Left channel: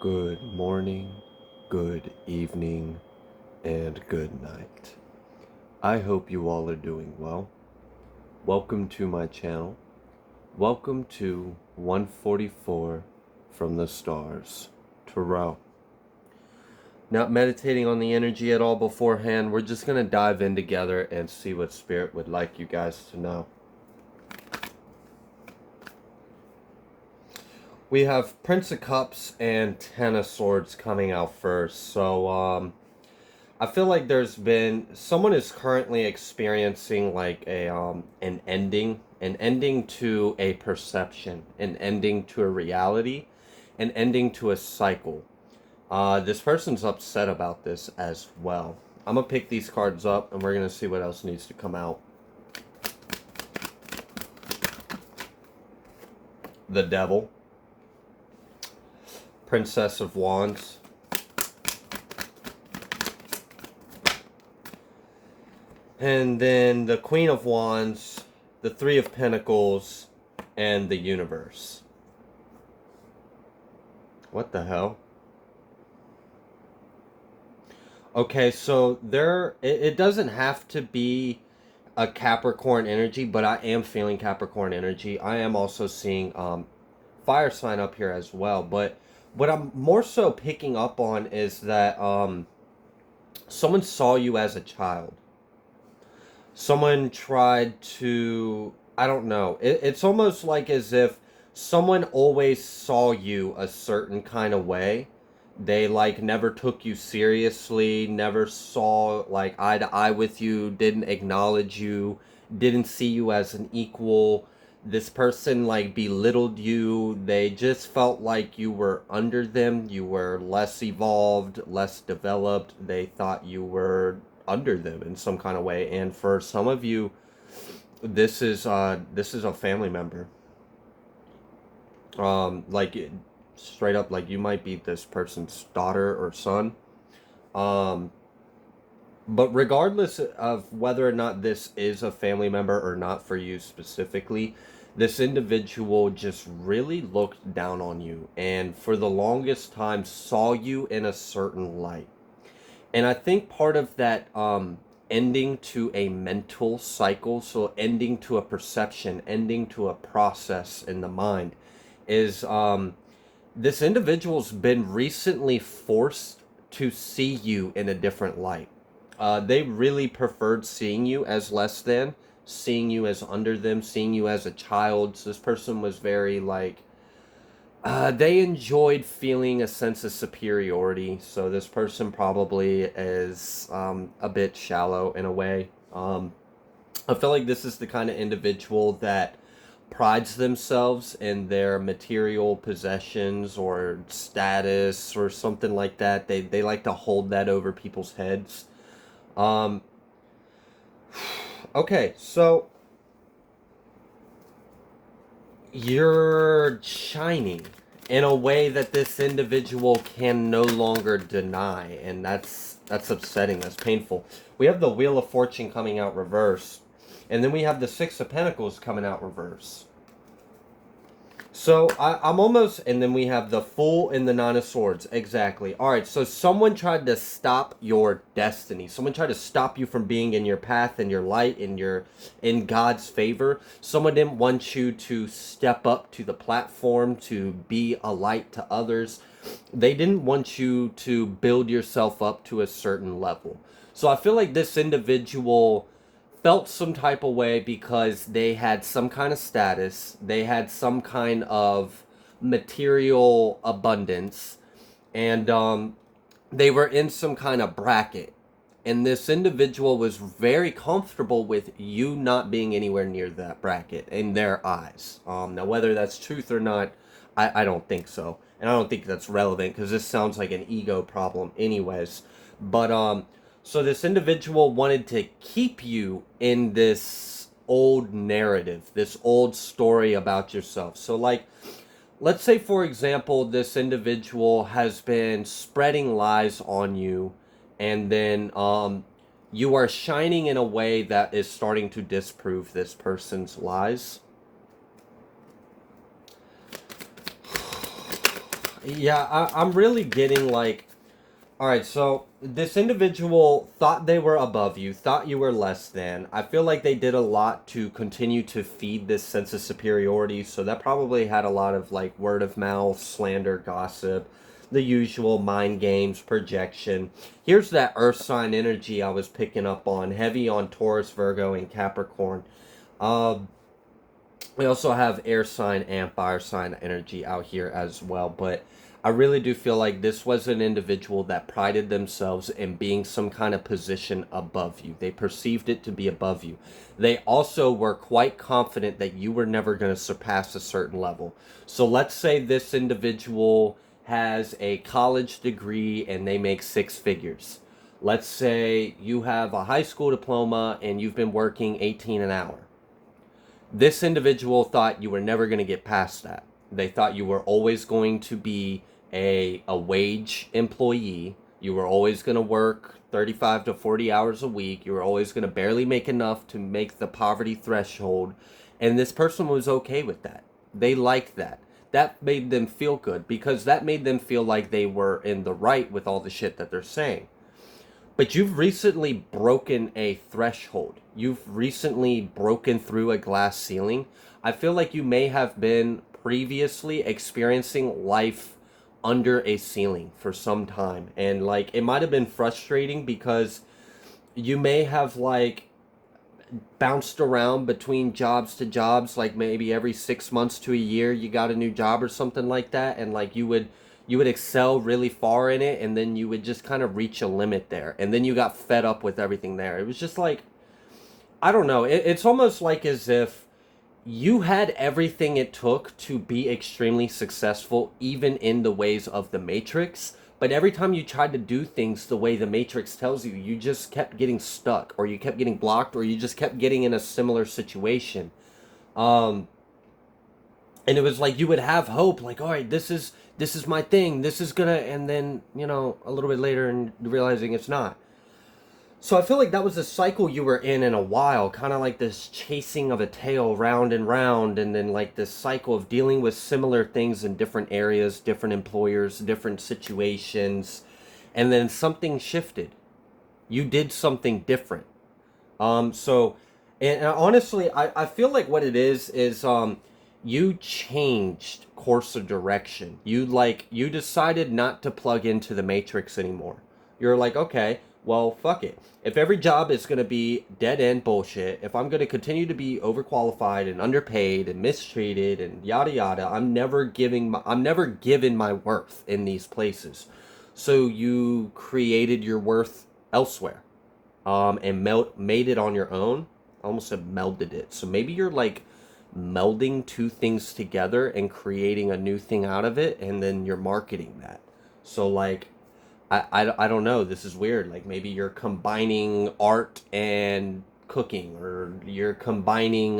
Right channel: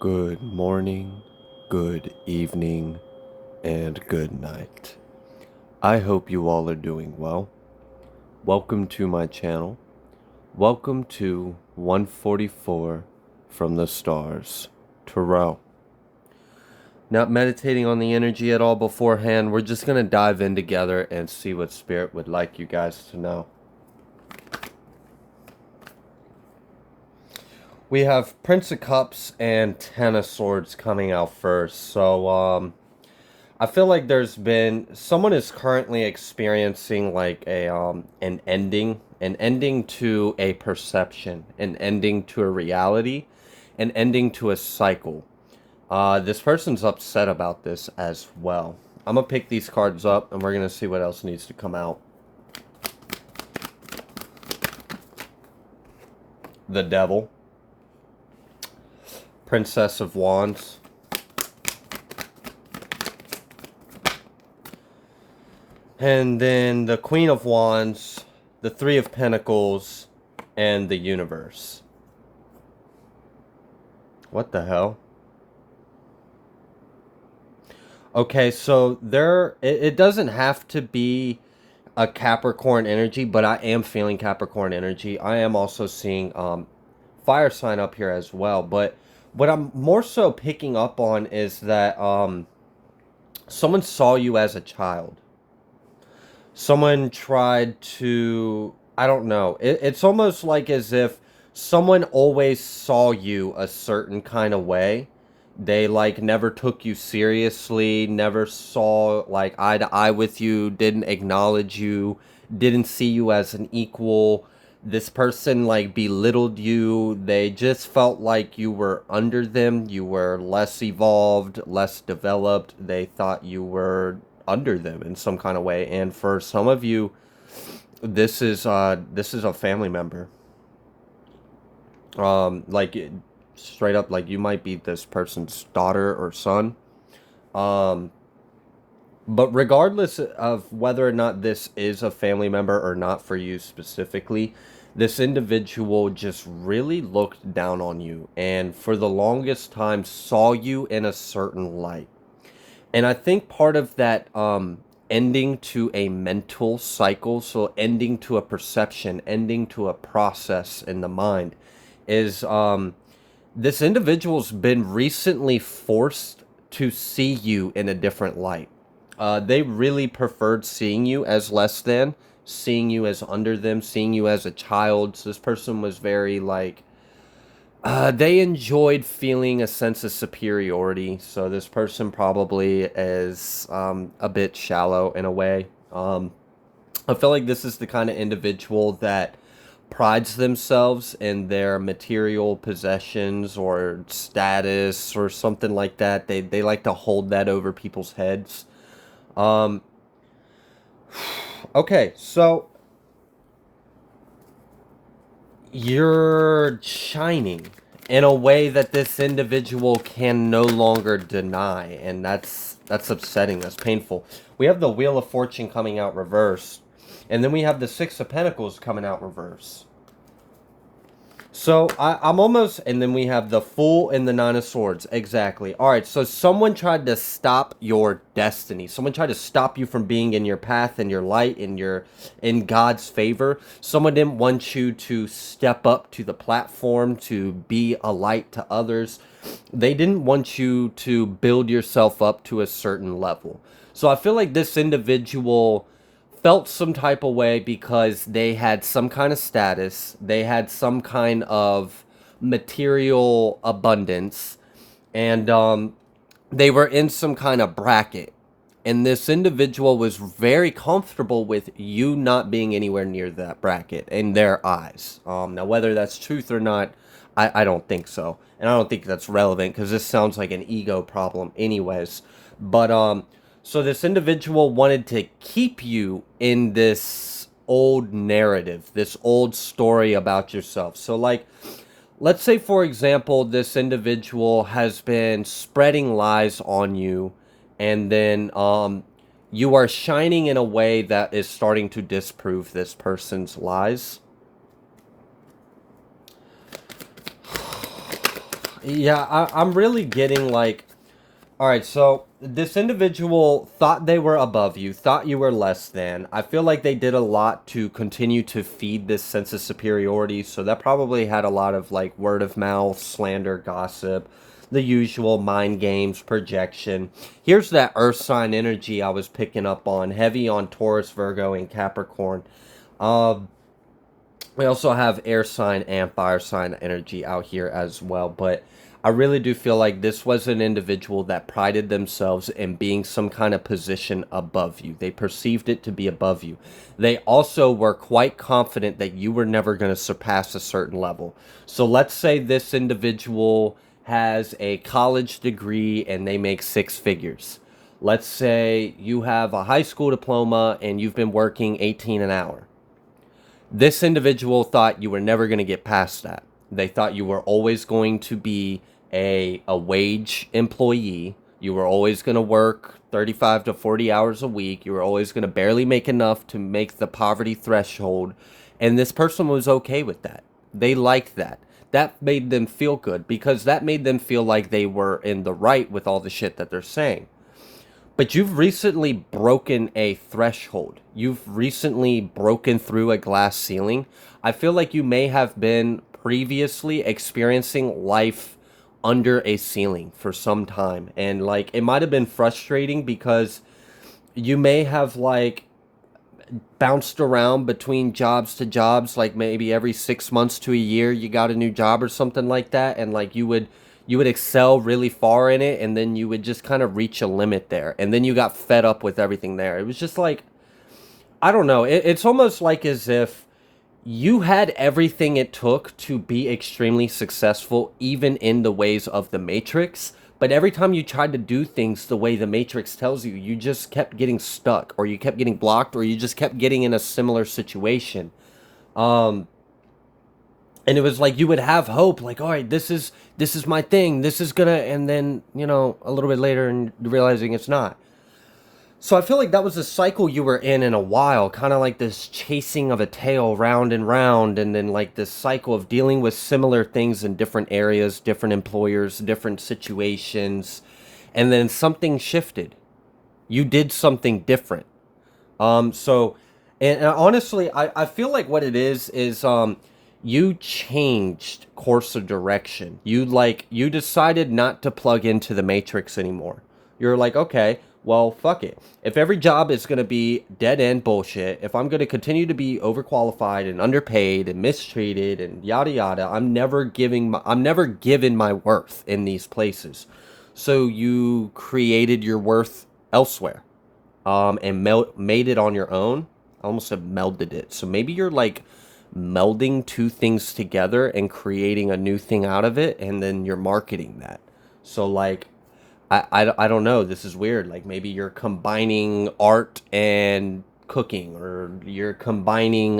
Good morning, good evening, and good night. I hope you all are doing well. Welcome to my channel. Welcome to 144 from the stars, Tarot. Not meditating on the energy at all beforehand. We're just going to dive in together and see what Spirit would like you guys to know. We have Prince of Cups and Ten of Swords coming out first. So, I feel like someone is currently experiencing like an ending to a perception, an ending to a reality, an ending to a cycle. This person's upset about this as well. I'm gonna pick these cards up and we're gonna see what else needs to come out. The Devil, Princess of Wands, and then the Queen of Wands, the Three of Pentacles, and the Universe. What the hell? Okay, so it doesn't have to be a Capricorn energy, but I am feeling Capricorn energy. I am also seeing fire sign up here as well. But what I'm more so picking up on is that someone saw you as a child. Someone tried to, I don't know. It's almost like as if someone always saw you a certain kind of way. They like never took you seriously, never saw like eye to eye with you, didn't acknowledge you, didn't see you as an equal. This person like belittled you. They just felt like you were under them. You were less evolved, less developed. They thought you were under them in some kind of way. And for some of you, this is a family member. Straight up, like you might be this person's daughter or son. Um, but regardless of whether or not this is a family member or not for you specifically, this individual just really looked down on you and for the longest time saw you in a certain light. And I think part of that ending to a mental cycle, so ending to a perception, ending to a process in the mind, is this individual's been recently forced to see you in a different light. They really preferred seeing you as less than, seeing you as under them, seeing you as a child. So this person was very like, they enjoyed feeling a sense of superiority. So this person probably is a bit shallow in a way. I feel like this is the kind of individual that prides themselves in their material possessions or status or something like that. They like to hold that over people's heads. Um, okay, so you're shining in a way that this individual can no longer deny, and that's upsetting. That's painful. We have the Wheel of Fortune coming out reversed, and then we have the Six of Pentacles coming out reversed. So I'm almost, and then we have the Fool and the Nine of Swords. Exactly. All right, so someone tried to stop your destiny. Someone tried to stop you from being in your path, in your light, in God's favor. Someone didn't want you to step up to the platform, to be a light to others. They didn't want you to build yourself up to a certain level. So I feel like this individual felt some type of way because they had some kind of status, they had some kind of material abundance, and they were in some kind of bracket. And this individual was very comfortable with you not being anywhere near that bracket in their eyes. Now, whether that's truth or not, I don't think so. And I don't think that's relevant because this sounds like an ego problem anyways. But so this individual wanted to keep you in this old narrative, this old story about yourself. So like, let's say for example, this individual has been spreading lies on you, and then you are shining in a way that is starting to disprove this person's lies. Yeah, I'm really getting like, all right, so this individual thought they were above you, thought you were less than. I feel like they did a lot to continue to feed this sense of superiority. So that probably had a lot of like word of mouth, slander, gossip, the usual mind games, projection. Here's that earth sign energy I was picking up on, heavy on Taurus, Virgo, and Capricorn. Um, we also have air sign and fire sign energy out here as well. But I really do feel like this was an individual that prided themselves in being some kind of position above you. They perceived it to be above you. They also were quite confident that you were never going to surpass a certain level. So let's say this individual has a college degree and they make six figures. Let's say you have a high school diploma and you've been working 18 an hour. This individual thought you were never going to get past that. They thought you were always going to be a wage employee. You were always going to work 35 to 40 hours a week. You were always going to barely make enough to make the poverty threshold. And this person was okay with that. They liked that. That made them feel good because that made them feel like they were in the right with all the shit that they're saying. But you've recently broken a threshold. You've recently broken through a glass ceiling. I feel like you may have been previously experiencing life under a ceiling for some time. And like it might have been frustrating because you may have like bounced around between jobs to jobs, like maybe every 6 months to a year you got a new job or something like that, and like you would excel really far in it, and then you would just kind of reach a limit there, and then you got fed up with everything there. It was just like, I don't know, it's almost like as if you had everything it took to be extremely successful, even in the ways of the Matrix. But every time you tried to do things the way the Matrix tells you, you just kept getting stuck, or you kept getting blocked, or you just kept getting in a similar situation. Um, and it was like you would have hope, like, all right, this is my thing, this is gonna, and then a little bit later, and realizing it's not. So I feel like that was a cycle you were in a while, kind of like this chasing of a tail round and round, and then like this cycle of dealing with similar things in different areas, different employers, different situations, and then something shifted. You did something different. So, and honestly, I feel like what it is you changed course of direction. You decided not to plug into the matrix anymore. You're like, okay, well, fuck it. If every job is gonna be dead end bullshit, if I'm gonna continue to be overqualified and underpaid and mistreated and yada yada, I'm never given my worth in these places. So you created your worth elsewhere, and made it on your own. I almost said melded it. So maybe you're like melding two things together and creating a new thing out of it, and then you're marketing that. So like, I don't know. This is weird. Like maybe you're combining art and cooking, or you're combining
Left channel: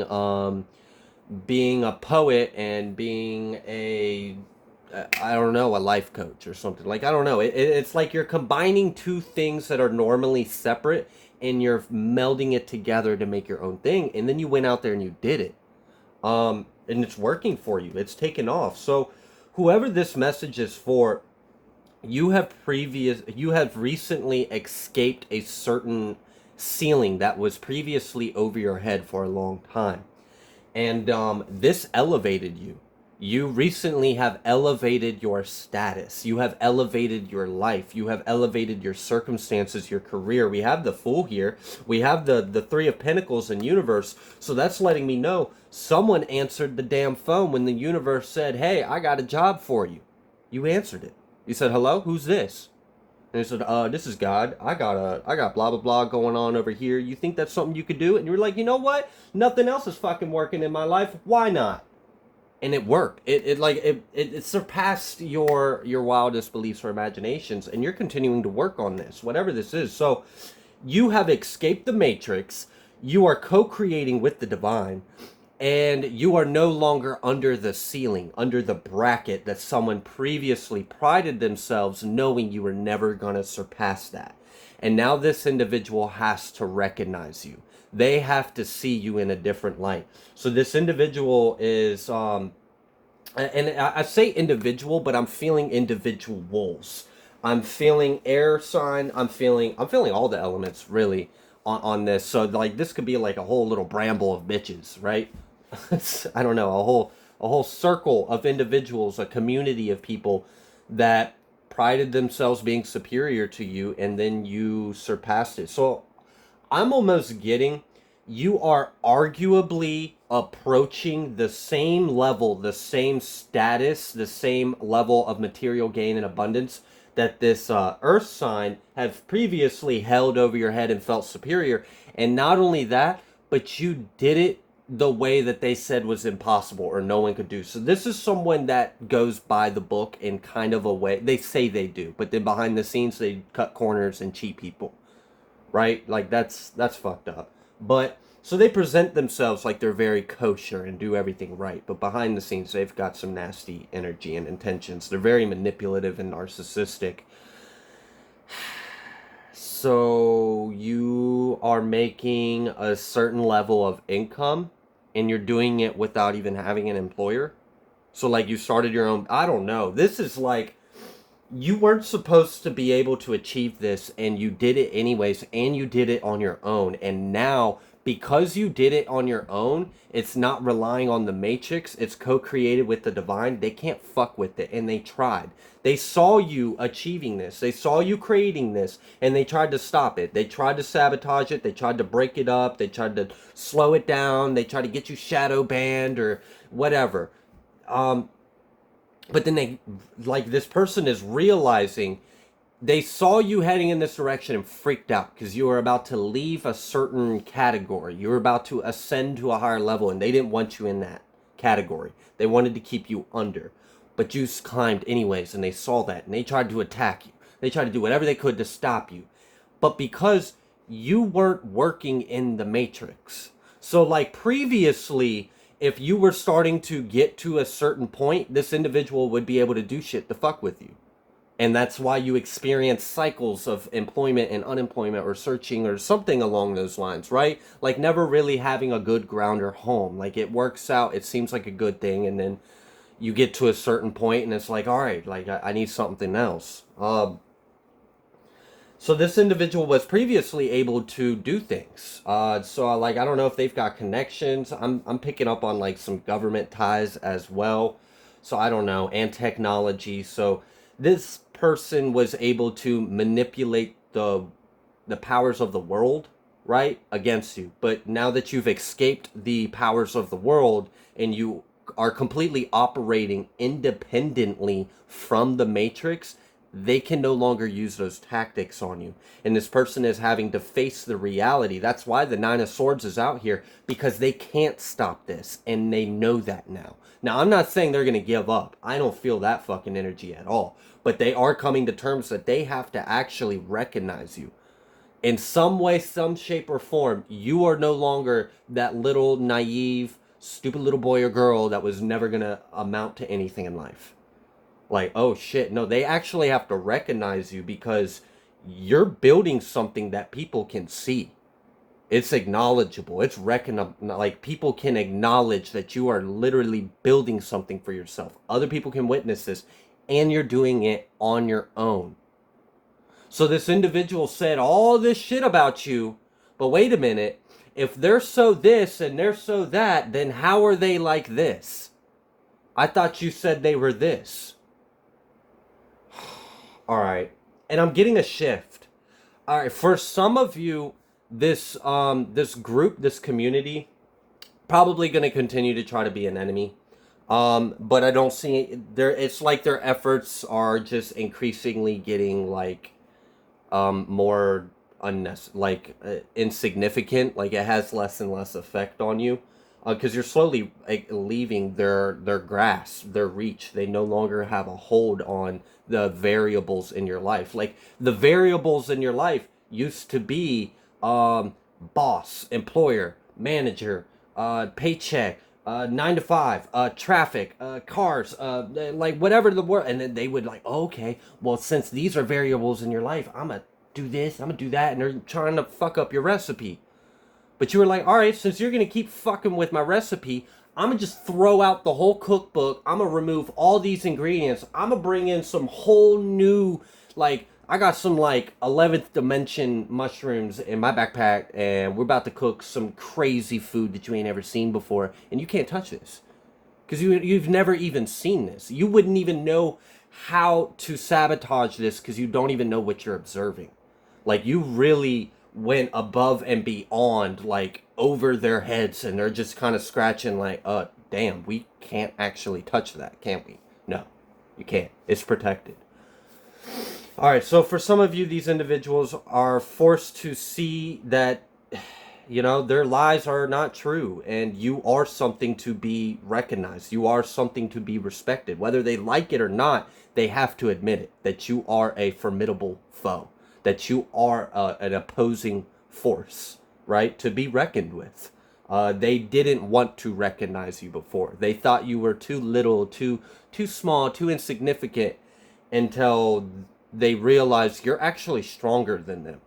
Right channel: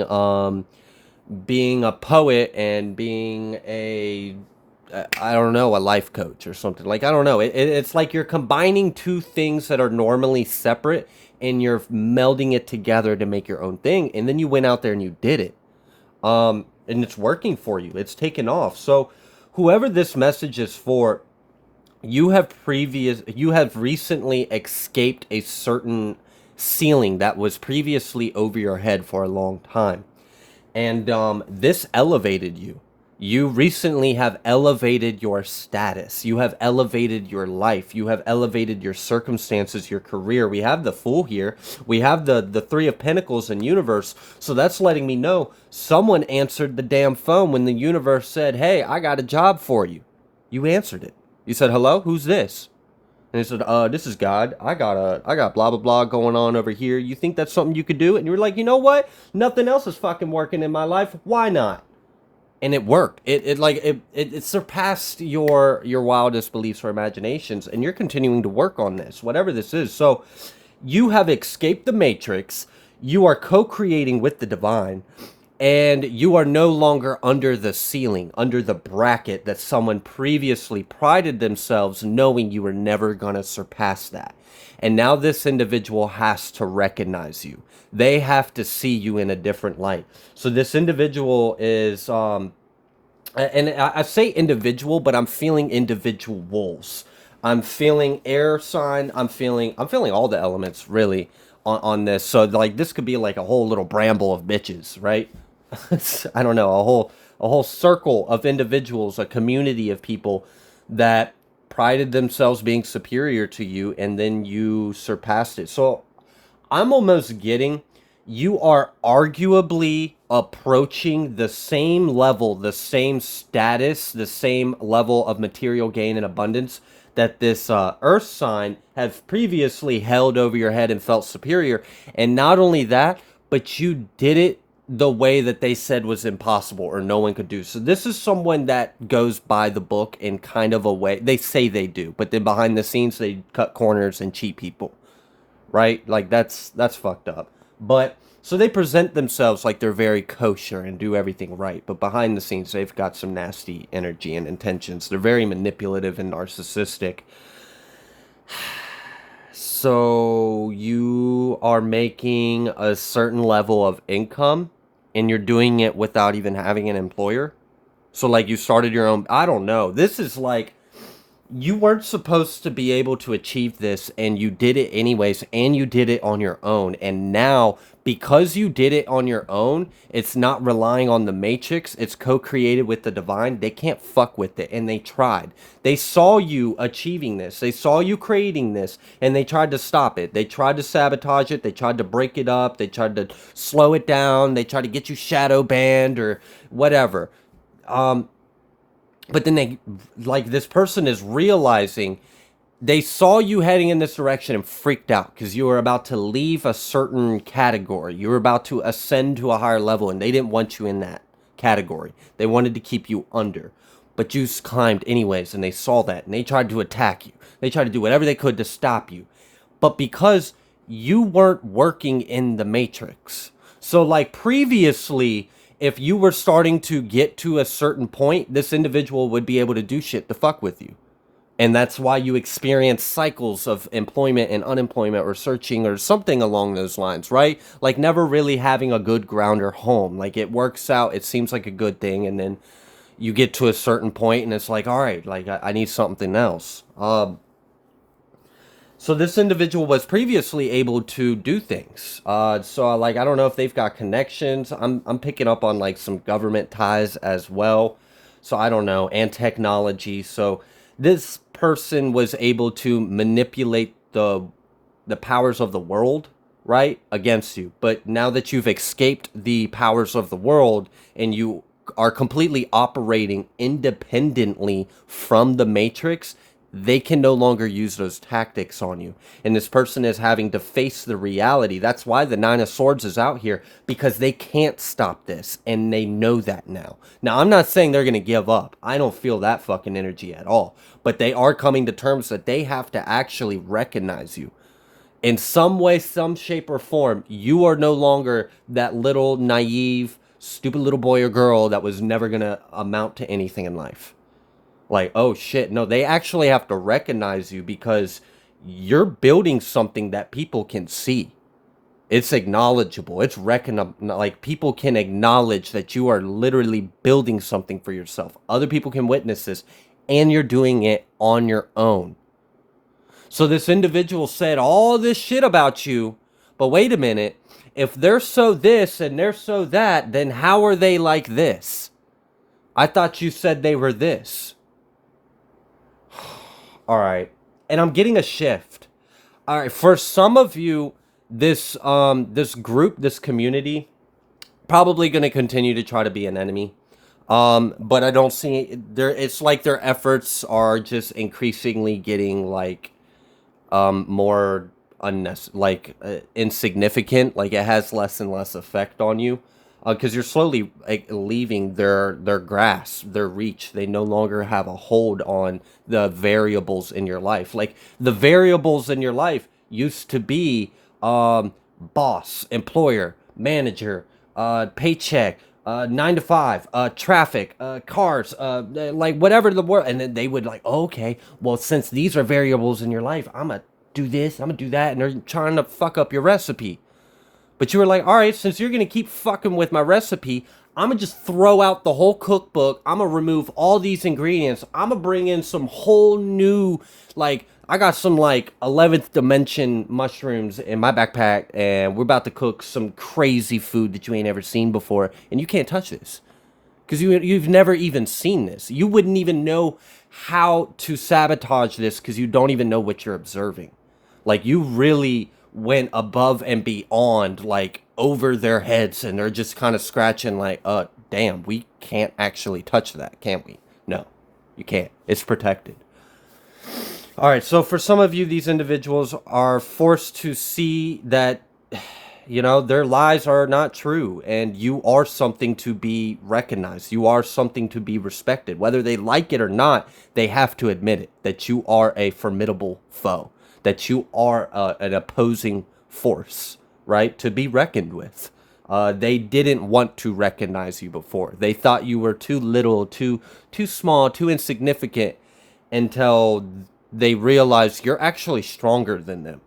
being a poet and being a I don't know, a life coach or something. Like I don't know. It's like you're combining two things that are normally separate, and you're melding it together to make your own thing. And then you went out there and you did it. And it's working for you. It's taken off. So whoever this message is for, you have recently escaped a certain ceiling that was previously over your head for a long time, and this elevated you. You recently have elevated your status. You have elevated your life. You have elevated your circumstances, your career. We have the Fool here. We have the Three of Pentacles in universe. So that's letting me know someone answered the damn phone when the universe said, hey, I got a job for you. You answered it. You said, hello, who's this? And he said, this is God. I got blah blah blah going on over here. You think that's something you could do? And you were like, you know what? Nothing else is fucking working in my life. Why not? And it worked. It surpassed your wildest beliefs or imaginations, and you're continuing to work on this, whatever this is. So you have escaped the matrix. You are co-creating with the divine, and you are no longer under the ceiling, under the bracket that someone previously prided themselves knowing you were never going to surpass that. And now this individual has to recognize you. They have to see you in a different light. So this individual is And I say individual, but I'm feeling individuals. I'm feeling air sign. I'm feeling all the elements really on this. So like this could be like a whole little bramble of bitches, right? I don't know, a whole circle of individuals, a community of people that prided themselves being superior to you, and then you surpassed it. So I'm almost getting you are arguably approaching the same level, the same status, the same level of material gain and abundance that this earth sign have previously held over your head and felt superior. And not only that, but you did it the way that they said was impossible or no one could do. So this is someone that goes by the book in kind of a way. They say they do, but then behind the scenes they cut corners and cheat people, right? Like that's fucked up. But so they present themselves like they're very kosher and do everything right, but behind the scenes they've got some nasty energy and intentions. They're very manipulative and narcissistic. So you are making a certain level of income and you're doing it without even having an employer. So like you started your own, I don't know. This is like you weren't supposed to be able to achieve this and you did it anyways, and you did it on your own. And now because you did it on your own, it's not relying on the matrix, it's co-created with the divine. They can't fuck with it, and they tried. They saw you achieving this, they saw you creating this, and they tried to stop it. They tried to sabotage it, they tried to break it up, they tried to slow it down, they tried to get you shadow banned or whatever. um but then they, like, this person is realizing they saw you heading in this direction and freaked out because you were about to leave a certain category. You were about to ascend to a higher level, and they didn't want you in that category. They wanted to keep you under. But you climbed anyways, and they saw that, and they tried to attack you. They tried to do whatever they could to stop you. But because you weren't working in the matrix. So, like previously, if you were starting to get to a certain point, this individual would be able to do shit to fuck with you. And that's why you experience cycles of employment and unemployment or searching or something along those lines, right? Like never really having a good ground or home. Like it works out, it seems like a good thing, and then you get to a certain point and it's like, all right, like I need something else. So this individual was previously able to do things. So like I don't know if they've got connections. I'm picking up on like some government ties as well. So I don't know, and technology. So this person was able to manipulate the powers of the world, right, against you. But now that you've escaped the powers of the world and you are completely operating independently from the matrix, they can no longer use those tactics on you. And this person is having to face the reality. That's why the Nine of Swords is out here, because they can't stop this, and they know that now. Now, I'm not saying they're going to give up. I don't feel that fucking energy at all. But they are coming to terms that they have to actually recognize you. In some way, some shape, or form, you are no longer that little naive, stupid little boy or girl that was never going to amount to anything in life. Like, oh shit, no, they actually have to recognize you because you're building something that people can see. It's acknowledgeable. It's like people can acknowledge that you are literally building something for yourself. Other people can witness this, and you're doing it on your own. So this individual said all this shit about you, but wait a minute. If they're so this and they're so that, then how are they like this? I thought you said they were this. All right. And I'm getting a shift. All right, for some of you, this group, this community, probably going to continue to try to be an enemy. But I don't see there, it's like their efforts are just increasingly getting like more insignificant. Like it has less and less effect on you, because you're slowly like, leaving their grasp, their reach. They no longer have a hold on the variables in your life. Like the variables in your life used to be boss, employer, manager, paycheck, 9 to 5, traffic, cars, like whatever the word. And then they would like, oh, okay, well, since these are variables in your life, I'm gonna do this, I'm gonna do that, and they're trying to fuck up your recipe. But you were like, all right, since you're gonna keep fucking with my recipe, I'm gonna just throw out the whole cookbook. I'm gonna remove all these ingredients. I'm gonna bring in some whole new, like, I got some like 11th dimension mushrooms in my backpack, and we're about to cook some crazy food that you ain't ever seen before, and you can't touch this because you've never even seen this. You wouldn't even know how to sabotage this because you don't even know what you're observing. Like, you really went above and beyond, like, over their heads, and they're just kind of scratching like, damn, we can't actually touch that, can we? No, you can't. It's protected. All right, so for some of you, these individuals are forced to see that, you know, their lies are not true, and you are something to be recognized. You are something to be respected. Whether they like it or not, they have to admit it, that you are a formidable foe, that you are an opposing force, right, to be reckoned with. They didn't want to recognize you before. They thought you were too little, too small, too insignificant, until they realized you're actually stronger than them.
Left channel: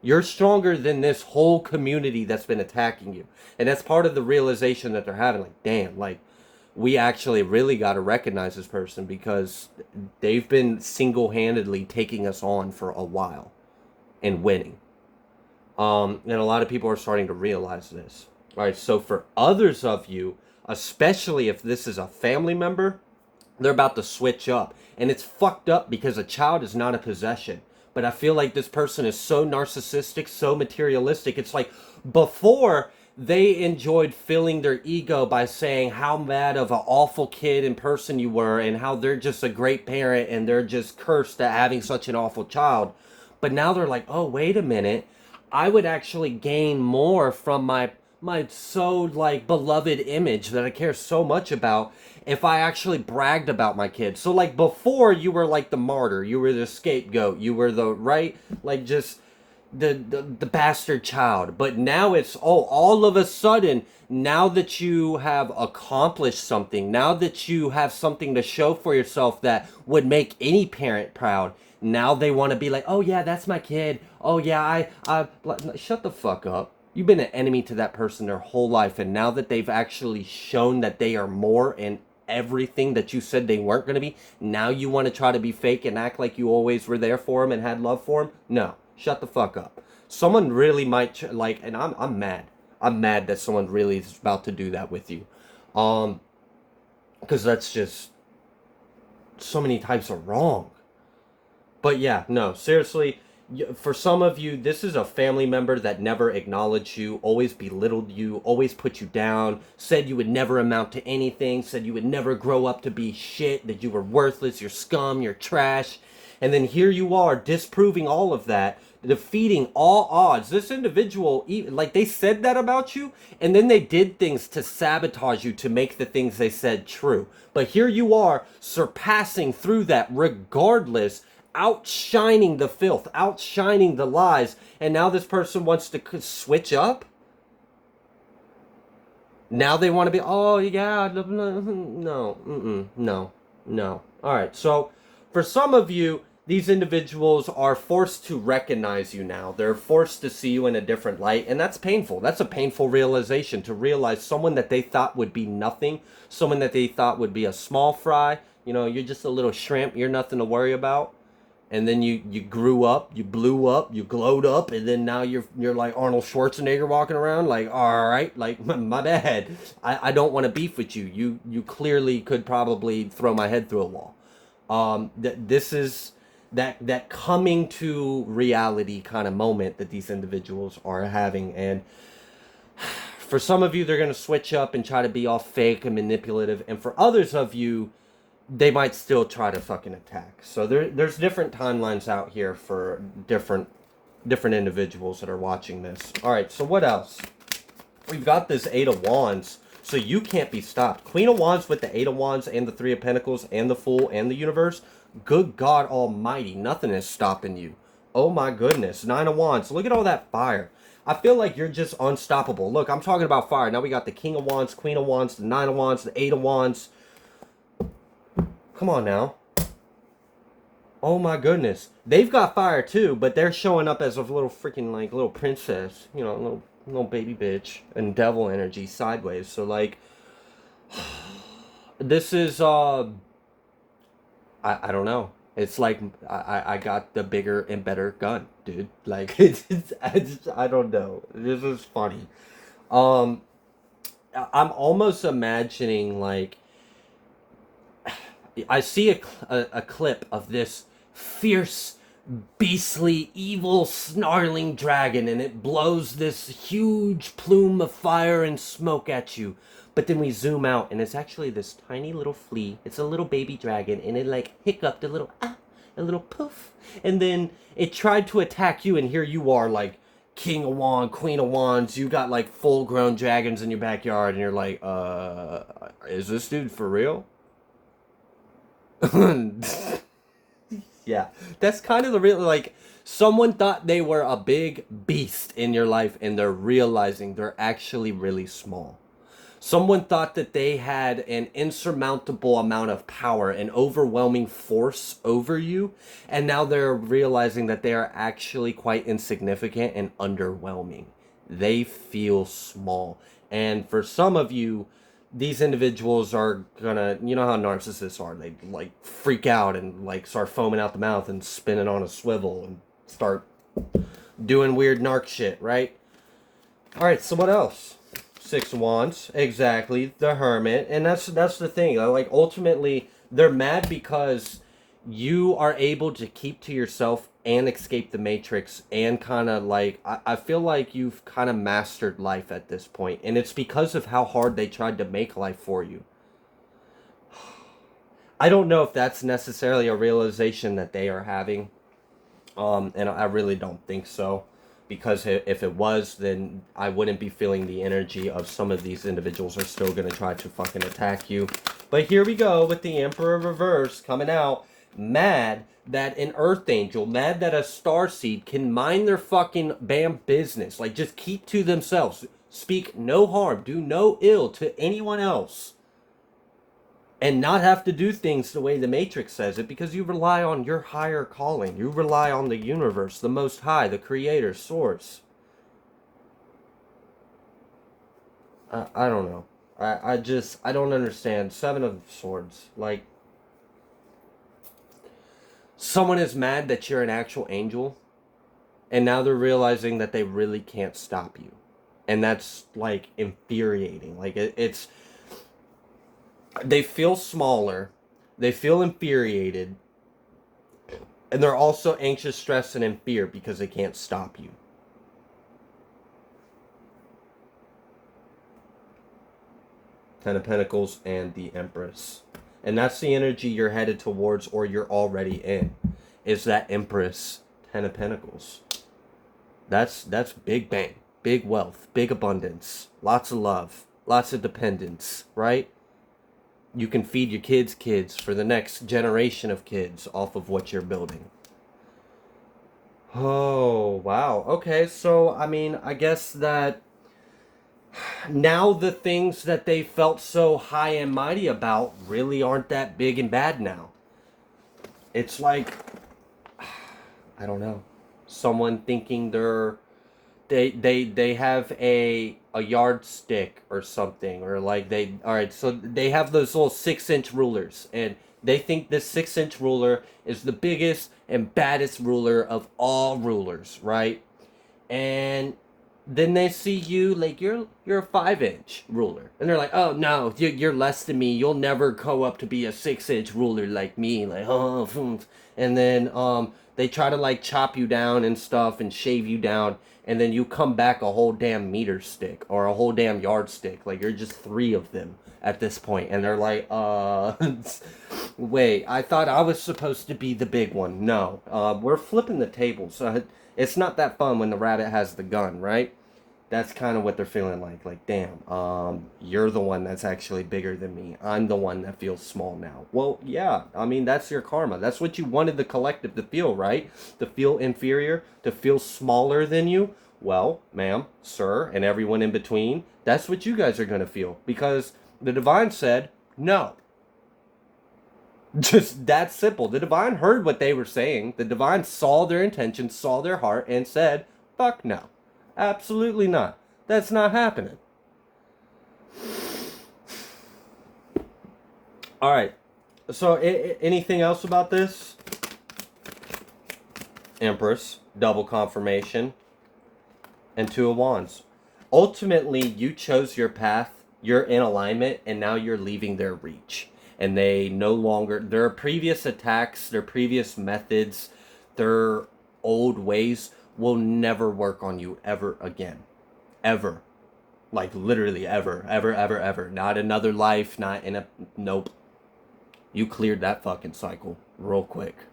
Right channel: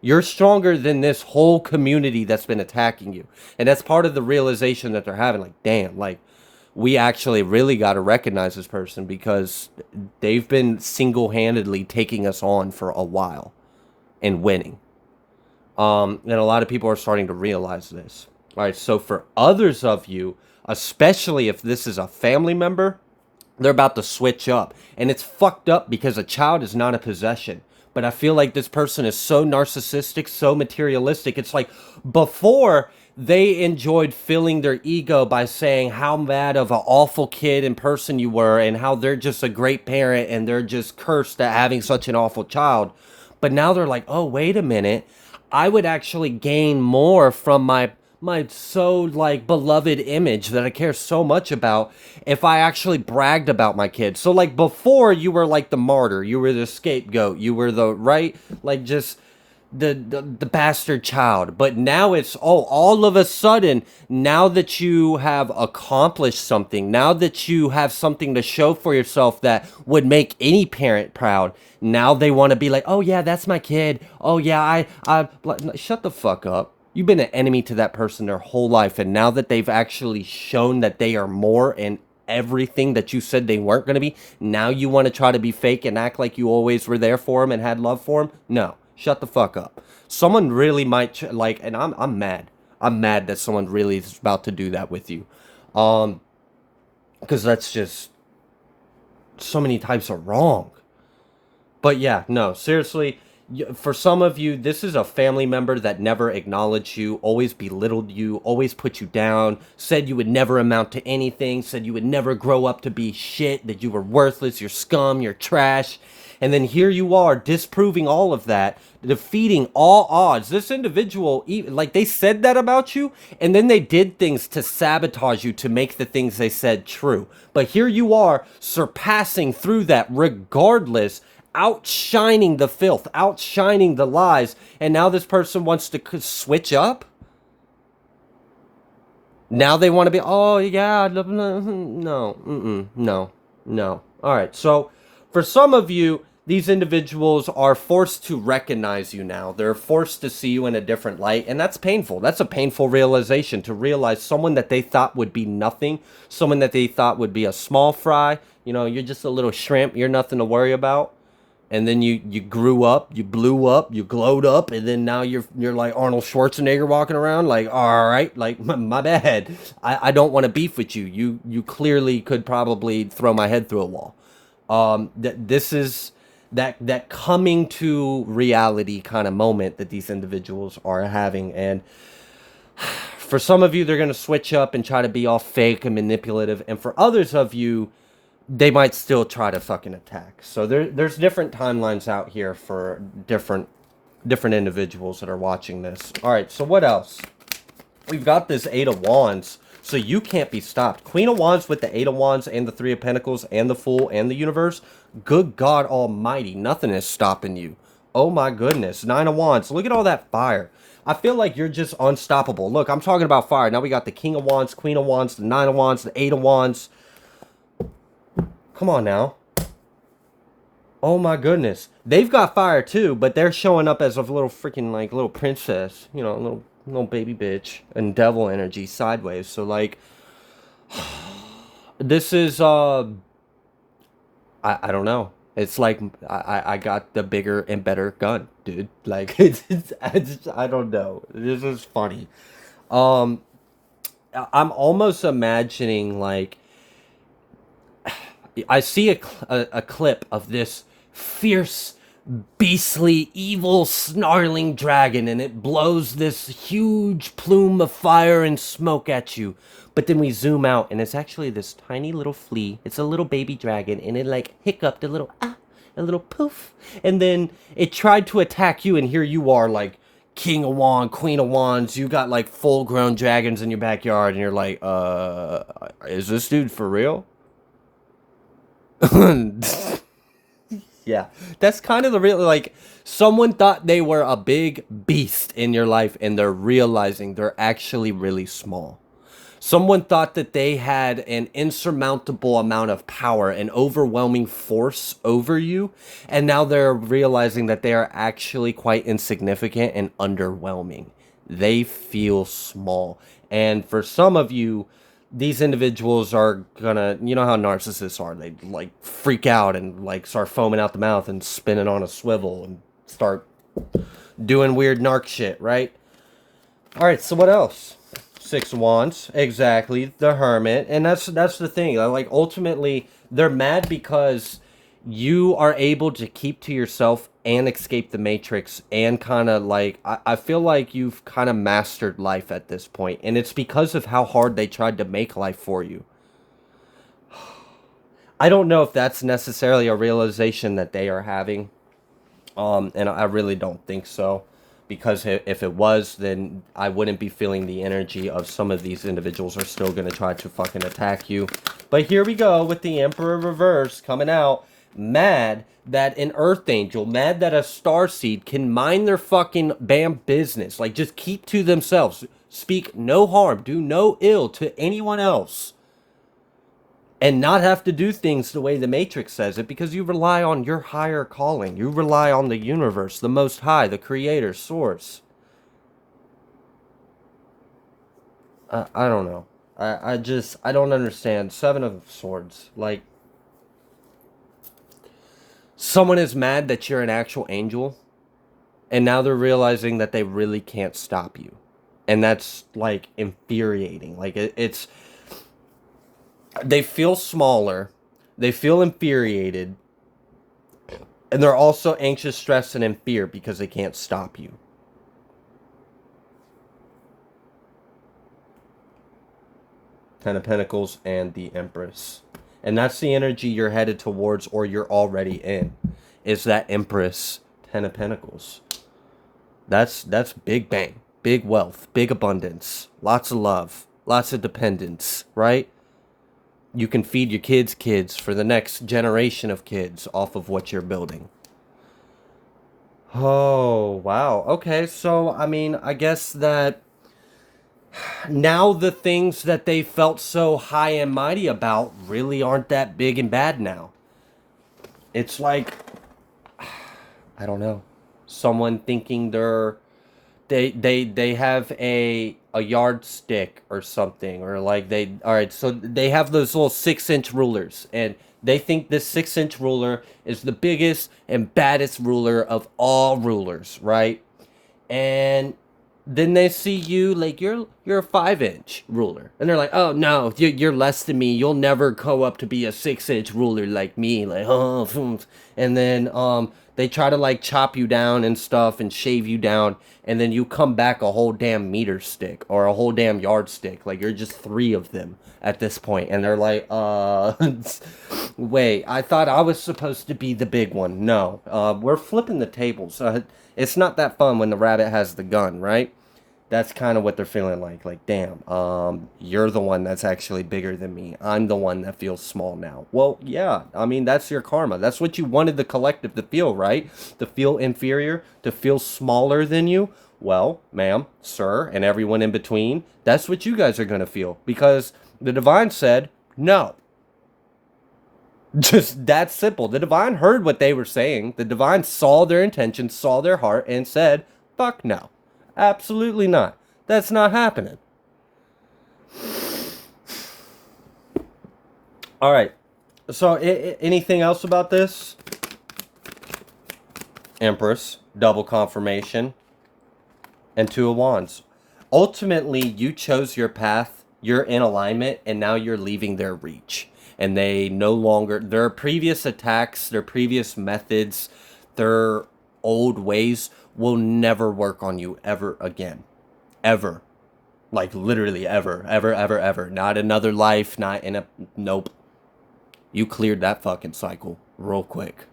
You're stronger than this whole community that's been attacking you. And that's part of the realization that they're having. Like, damn, like, we actually really got to recognize this person because they've been single-handedly taking us on for a while and winning. And a lot of people are starting to realize this. All right, so for others of you, especially if this is a family member, they're about to switch up. And it's fucked up because a child is not a possession. But I feel like this person is so narcissistic, so materialistic. It's like before they enjoyed filling their ego by saying how bad of an awful kid and person you were and how they're just a great parent and they're just cursed at having such an awful child. But now they're like, oh, wait a minute. I would actually gain more from my so like beloved image that I care so much about if I actually bragged about my kids. So like before you were like the martyr, you were the scapegoat, you were the right, like just the bastard child. But now it's, oh, all of a sudden, now that you have accomplished something, now that you have something to show for yourself that would make any parent proud, now they want to be like, oh yeah, that's my kid. Oh yeah, I shut the fuck up. You've been an enemy to that person their whole life, and now that they've actually shown that they are more and everything that you said they weren't going to be, now you want to try to be fake and act like you always were there for them and had love for them? No, shut the fuck up. Someone really might like, and I'm mad. I'm mad that someone really is about to do that with you, because that's just so many types of wrong. But yeah, no, seriously, for some of you, this is a family member that never acknowledged you, always belittled you, always put you down, said you would never amount to anything, said you would never grow up to be shit, that you were worthless, you're scum, you're trash. And then here you are, disproving all of that, defeating all odds. This individual, like, they said that about you, and then they did things to sabotage you to make the things they said true. But here you are, surpassing through that regardless, outshining the filth, outshining the lies, and now this person wants to switch up? Now they want to be, oh yeah, no, no. All right, so for some of you, these individuals are forced to recognize you now. They're forced to see you in a different light, and that's painful. That's a painful realization, to realize someone that they thought would be nothing, someone that they thought would be a small fry, you know, you're just a little shrimp, you're nothing to worry about. And then you grew up, you blew up, you glowed up, and then now you're like Arnold Schwarzenegger walking around like, all right, like, my bad. I don't want to beef with you. You clearly could probably throw my head through a wall. This is that coming to reality kind of moment that these individuals are having. And for some of you, they're going to switch up and try to be all fake and manipulative. And for others of you, they might still try to fucking attack. So there's different timelines out here for different individuals that are watching this. All right, so what else? We've got this Eight of Wands, so you can't be stopped. Queen of Wands with the Eight of Wands and the Three of Pentacles and the Fool and the Universe. Good God Almighty, nothing is stopping you. Oh my goodness. Nine of Wands, look at all that fire. I feel like you're just unstoppable. Look, I'm talking about fire. Now we got the King of Wands, Queen of Wands, the Nine of Wands, the Eight of Wands. Come on now. Oh my goodness. They've got fire too, but they're showing up as a little freaking, like, little princess. You know, little baby bitch. And devil energy sideways. So, like, This is I don't know. It's like I got the bigger and better gun, dude. Like I don't know. This is funny. Um, I'm almost imagining like I see a clip of this fierce, beastly, evil, snarling dragon, and it blows this huge plume of fire and smoke at you. But then we zoom out, and it's actually this tiny little flea. It's a little baby dragon, and it like hiccuped a little a little poof, and then it tried to attack you, and here you are, like King of Wands, Queen of Wands. You got like full-grown dragons in your backyard, and you're like, is this dude for real? Yeah, that's kind of the real, like, someone thought they were a big beast in your life and they're realizing they're actually really small. Someone thought that they had an insurmountable amount of power, an overwhelming force over you, and now they're realizing that they are actually quite insignificant and underwhelming. They feel small. And for some of you, these individuals are gonna, you know how narcissists are, they like freak out and like start foaming out the mouth and spinning on a swivel and start doing weird narc shit, right? All right, so what else? Six of Wands, exactly, the Hermit, and that's the thing. Like ultimately, they're mad because you are able to keep to yourself and escape the Matrix, and kind of like I feel like you've kind of mastered life at this point, and it's because of how hard they tried to make life for you. I don't know if that's necessarily a realization that they are having. And I really don't think so, because if it was, then I wouldn't be feeling the energy of some of these individuals are still gonna try to fucking attack you. But here we go with the Emperor reverse coming out, mad that an Earth Angel, mad that a star seed can mind their fucking bam business, like just keep to themselves, speak no harm, do no ill to anyone else, and not have to do things the way the Matrix says it, because you rely on your higher calling. You rely on the universe, the Most High, the Creator, Source. I don't know. I don't understand. Seven of Swords. Like, someone is mad that you're an actual angel, and now they're realizing that they really can't stop you. And that's, like, infuriating. Like, it's... They feel smaller. They feel infuriated. And they're also anxious, stressed, and in fear because they can't stop you. Ten of Pentacles and the Empress. And that's the energy you're headed towards, or you're already in. Is that Empress, Ten of Pentacles. That's big bang. Big wealth. Big abundance. Lots of love. Lots of dependence, right? You can feed your kids for the next generation of kids off of what you're building. Oh, wow. Okay, so, I mean, I guess that now the things that they felt so high and mighty about really aren't that big and bad now. It's like, I don't know, someone thinking they have a yardstick or something, or like they, all right, so they have those little 6-inch rulers, and they think this 6-inch ruler is the biggest and baddest ruler of all rulers, right? And then they see you like you're a 5-inch ruler, and they're like, oh no, you're less than me, you'll never go up to be a 6-inch ruler like me, like, oh. And then they try to like chop you down and stuff and shave you down, and then you come back a whole damn meter stick or a whole damn yardstick, like you're just 3 of them at this point, and they're like, wait, I thought I was supposed to be the big one. No, we're flipping the tables. It's not that fun when the rabbit has the gun, right? That's kind of what they're feeling like. Like, damn, you're the one that's actually bigger than me. I'm the one that feels small now. Well, yeah, I mean, that's your karma. That's what you wanted the collective to feel, right? To feel inferior, to feel smaller than you. Well, ma'am, sir, and everyone in between, that's what you guys are going to feel, because the divine said no. Just that simple. The divine heard what they were saying. The divine saw their intentions, saw their heart, and said, fuck no. Absolutely not. That's not happening. All right. So, anything else about this? Empress, double confirmation, and Two of Wands. Ultimately, you chose your path, you're in alignment, and now you're leaving their reach. And they no longer, their previous attacks, their previous methods, their old ways will never work on you ever again. Ever. Like literally ever. Ever, ever, ever. Not another life, not in a. Nope. You cleared that fucking cycle real quick.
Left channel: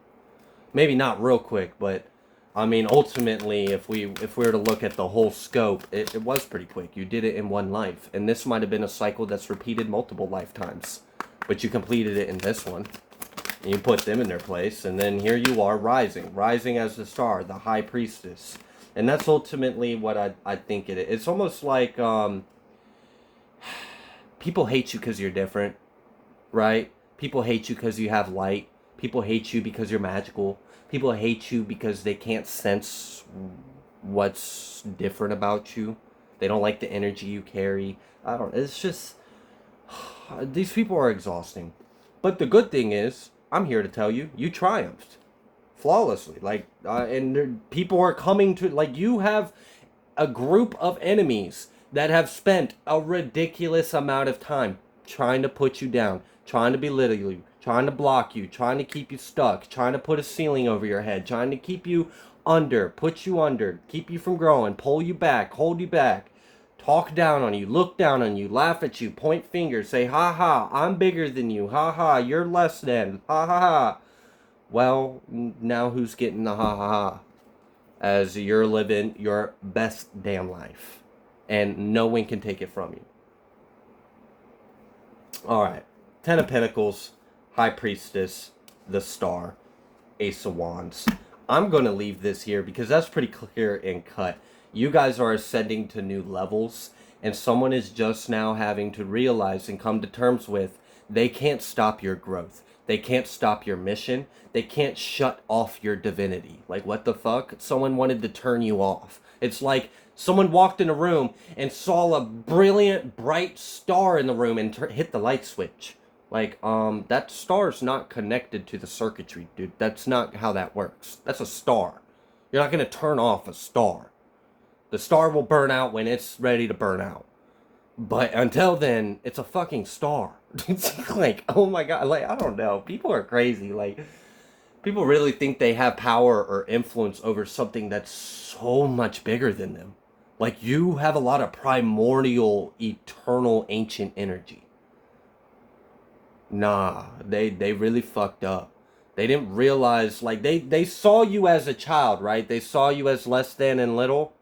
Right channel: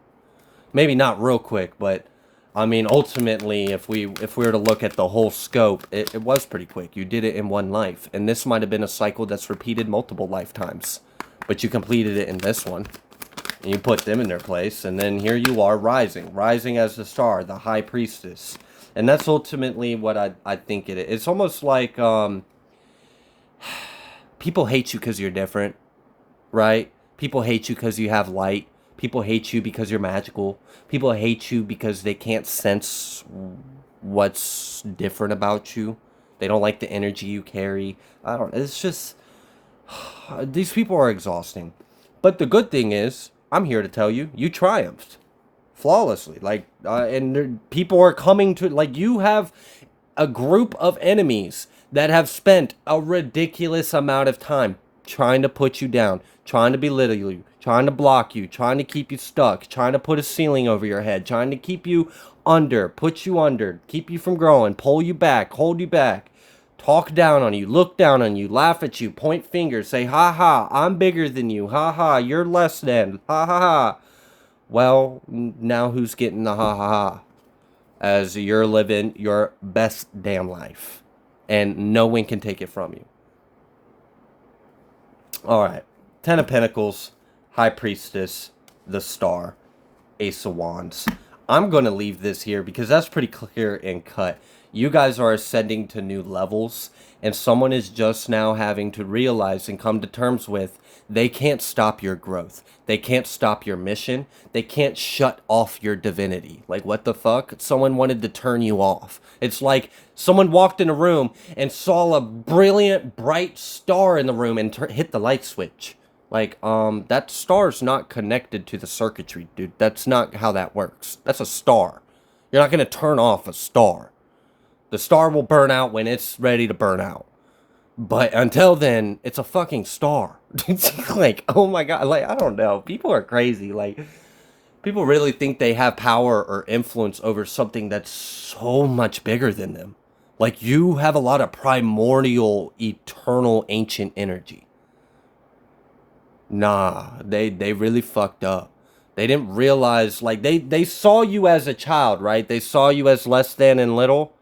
Maybe not real quick, but I mean, ultimately, if we were to look at the whole scope, it was pretty quick. You did it in one life, and this might have been a cycle that's repeated multiple lifetimes, but you completed it in this one, and you put them in their place, and then here you are rising as the star, the high priestess, and that's ultimately what I think it is. It's almost like people hate you because you're different, right? People hate you because you have light. People hate you because you're magical. People hate you because they can't sense what's different about you. They don't like the energy you carry. I don't. It's just these people are exhausting. But the good thing is, I'm here to tell you, you triumphed flawlessly. Like, and people are coming to like you have a group of enemies that have spent a ridiculous amount of time trying to put you down, trying to belittle you, trying to block you, trying to keep you stuck, trying to put a ceiling over your head, trying to keep you under, put you under, keep you from growing, pull you back, hold you back, talk down on you, look down on you, laugh at you, point fingers, say, ha ha, I'm bigger than you, ha ha, you're less than, ha ha ha. Well, now who's getting the ha ha ha? As you're living your best damn life. And no one can take it from you. Alright. Ten of Pentacles, High Priestess, the Star, Ace of Wands. I'm going to leave this here because that's pretty clear and cut. You guys are ascending to new levels, and someone is just now having to realize and come to terms with they can't stop your growth. They can't stop your mission. They can't shut off your divinity. Like, what the fuck? Someone wanted to turn you off. It's like someone walked in a room and saw a brilliant, bright star in the room and hit the light switch. Like, that star's not connected to the circuitry, dude. That's not how that works. That's a star. You're not going to turn off a star. The star will burn out when it's ready to burn out. But until then, it's a fucking star. It's like, oh my god, like, I don't know. People are crazy. Like, people really think they have power or influence over something that's so much bigger than them. Like, you have a lot of primordial, eternal, ancient energy. Nah, they really fucked up. They didn't realize, like, they saw you as a child, right? They saw you as less than and little,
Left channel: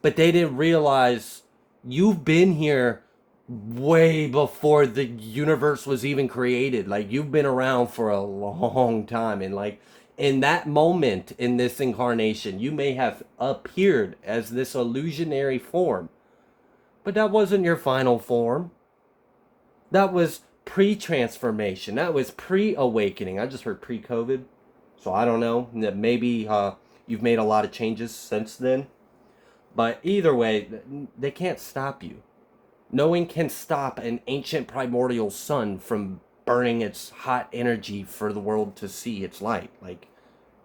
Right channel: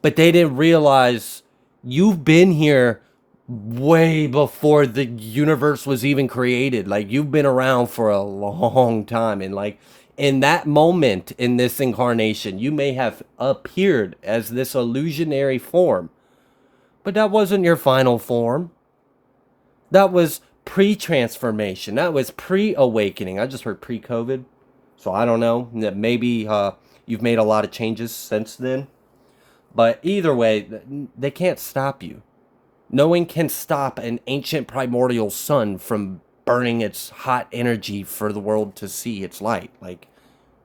but they didn't realize you've been here way before the universe was even created. Like, you've been around for a long time, and like in that moment in this incarnation, you may have appeared as this illusionary form, but that wasn't your final form. That was pre-transformation. That was pre-awakening. I just heard pre-COVID, so I don't know. Maybe you've made a lot of changes since then. But either way, they can't stop you. No one can stop an ancient primordial sun from burning its hot energy for the world to see its light. Like,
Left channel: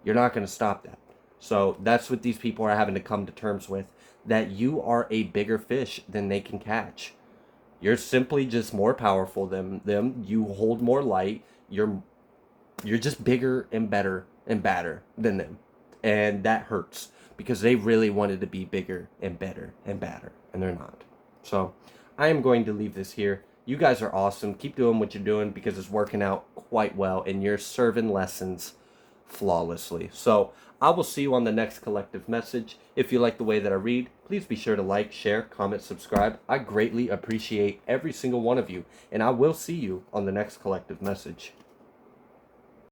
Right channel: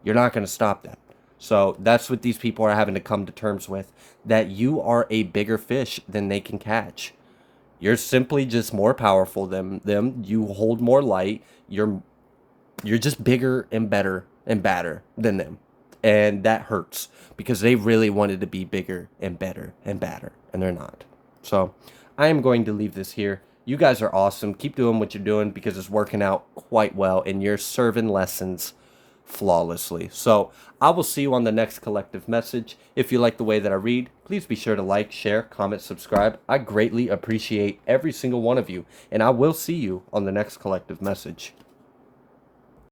you're not going to stop that. So that's what these people are having to come to terms with. That you are a bigger fish than they can catch. You're simply just more powerful than them. You hold more light. You're just bigger and better and badder than them. And that hurts because they really wanted to be bigger and better and badder, and they're not. So I am going to leave this here. You guys are awesome. Keep doing what you're doing because it's working out quite well, and you're serving lessons flawlessly. So I will see you on the next collective message. If you like the way that I read, please be sure to like, share, comment, subscribe. I greatly appreciate every single one of you, and I will see you on the next collective message.